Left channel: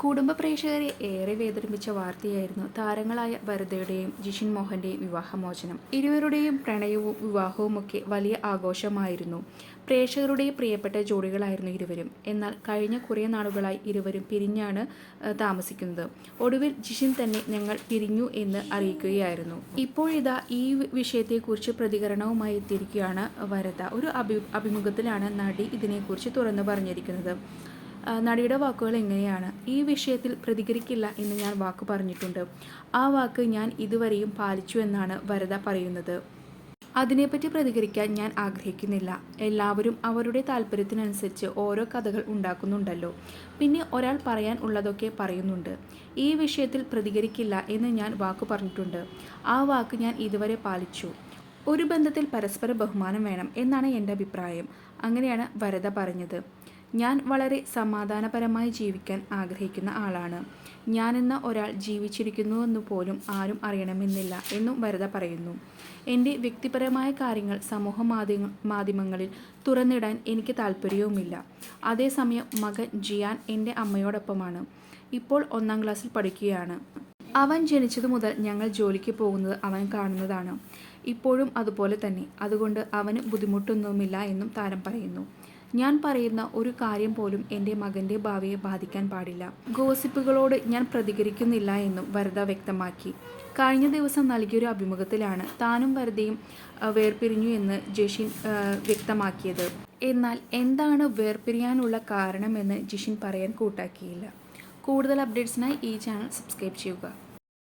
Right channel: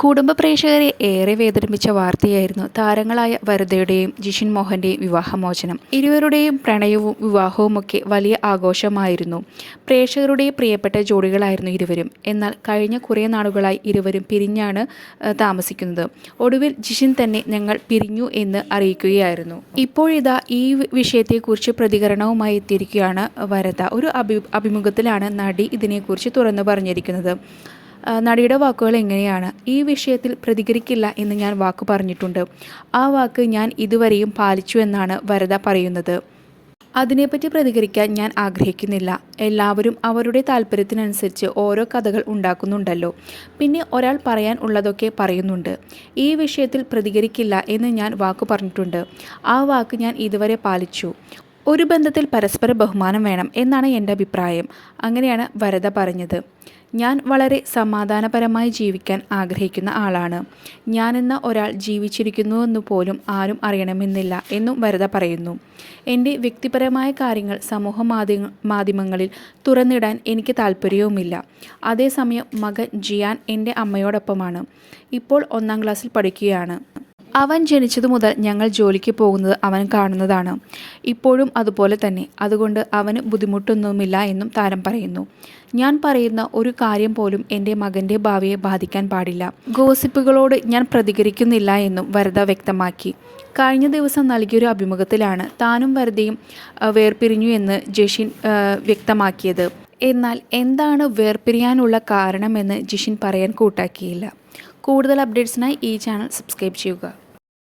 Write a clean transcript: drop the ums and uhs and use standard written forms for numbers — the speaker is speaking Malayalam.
കുടുംബ പ്രേക്ഷകരെ ഏറെ വേദനിപ്പിച്ച വാർത്തയായിരുന്നു താരങ്ങളായ വരദയുടെയും ജിഷിൻ മോഹൻ്റെയും വിവാഹമോചനം. ഇരുവരുടെയും പ്രണയവും വിവാഹവുമൊക്കെ വലിയ ആഘോഷമായിരുന്നു. പ്രേക്ഷകരുടെ പ്രിയപ്പെട്ട ജോഡികളായിരുന്നു ഇരുവരും. എന്നാൽ കഴിഞ്ഞ കുറേ നാളുകളായി ഇരുവരും പിരിഞ്ഞാണ് താമസിക്കുന്നത്. ഒടുവിൽ ജിഷിൻ തന്നെ ഞങ്ങൾ പിരിഞ്ഞു എന്ന് അറിയിക്കുകയായിരുന്നു. ഇപ്പോഴിതാ ഈ വിഷയത്തെക്കുറിച്ച് പ്രതികരണവുമായി എത്തിയിരിക്കുകയാണ് വരദ. ഒരു അഭിമുഖത്തിലാണ് നടി ഇതിനെക്കുറിച്ച് തുറന്നു പറഞ്ഞിരിക്കുന്നത്. നടിയുടെ വാക്കുകൾ എങ്ങനെയാണ്: ഈ വിഷയത്തിൽ പ്രതികരിക്കില്ല എന്ന് ഞാൻ വാക്ക് പറഞ്ഞിട്ടുണ്ട്. ആ വാക്ക് ഞാൻ ഇതുവരെയും പാലിച്ചു എന്നാണ് വരദ പറയുന്നത്. അതിനെപ്പറ്റി പ്രതികരിക്കാൻ ഞാൻ ആഗ്രഹിക്കുന്നില്ല. എല്ലാവരും അവരുടെ താല്പര്യത്തിനനുസരിച്ച് ഓരോ കഥകൾ ഉണ്ടാക്കുന്നുണ്ടല്ലോ. പിന്നെ ഒരാൾ പറയാൻ ഉള്ളതൊക്കെ പറയുന്നുണ്ട്. ഈ വിഷയത്തിൽ പ്രതികരിക്കില്ല എന്ന് ഞാൻ വാക്ക് പറഞ്ഞിട്ടുണ്ട്. ആ വാക്ക് ഞാൻ ഇതുവരെ പാലിച്ചു. ഒരു ബന്ധത്തിൽ പരസ്പര ബഹുമാനം വേണം എന്നാണ് എൻ്റെ അഭിപ്രായം. അങ്ങനെയാണ് വരദ പറഞ്ഞത്. ഞാൻ വളരെ സമാധാനപരമായി ജീവിക്കാൻ ആഗ്രഹിക്കുന്ന ആളാണ്. ഞാനെന്ന ഒരാൾ ജീവിച്ചിരിക്കുന്നുവെന്ന് പോലും ആരും അറിയണമെന്നില്ല എന്നും വരദ പറയുന്നു. എൻ്റെ വ്യക്തിപരമായ കാര്യങ്ങൾ സമൂഹ മാധ്യമങ്ങളിൽ തുറന്നിടാൻ എനിക്ക് താല്പര്യവുമില്ല. അതേസമയം മകൻ ജിയാൻ എൻ്റെ അമ്മയോടൊപ്പമാണ്. ഇപ്പോൾ 1ാം ക്ലാസ്സിൽ പഠിക്കുകയാണ്. അവൻ ജനിച്ചതു മുതൽ ഞങ്ങൾ ജോലിക്ക് പോകുന്നത് അവൻ കാണുന്നതാണ്. ഇപ്പോഴും അതുപോലെ തന്നെ. അതുകൊണ്ട് അവന് ബുദ്ധിമുട്ടൊന്നുമില്ല എന്നും താരം പറയുന്നു. ഞാൻ പറയുന്ന ഒരു കാര്യം പോലും എൻ്റെ മകൻ്റെ ഭാവിയെ ബാധിക്കാൻ പാടില്ല. ഗോസിപ്പുകളോട് ഞാൻ പ്രതികരിക്കുന്നില്ല എന്നും വരദ വ്യക്തമാക്കി. കഴിഞ്ഞ ദിവസം നൽകിയൊരു അഭിമുഖത്തിലാണ് താനും വരദയും വേർപിരിഞ്ഞു എന്ന് ജിഷിൻ വ്യക്തമാക്കിയത്. എന്നാൽ എന്താണ് വേർപിരിയാനുള്ള കാരണമെന്ന് ജിഷിൻ പറയാൻ കൂട്ടാക്കിയില്ല. കൂടുതൽ അപ്ഡേറ്റ്സിനായി ഈ ചാനൽ സബ്സ്ക്രൈബ് ചെയ്യുക.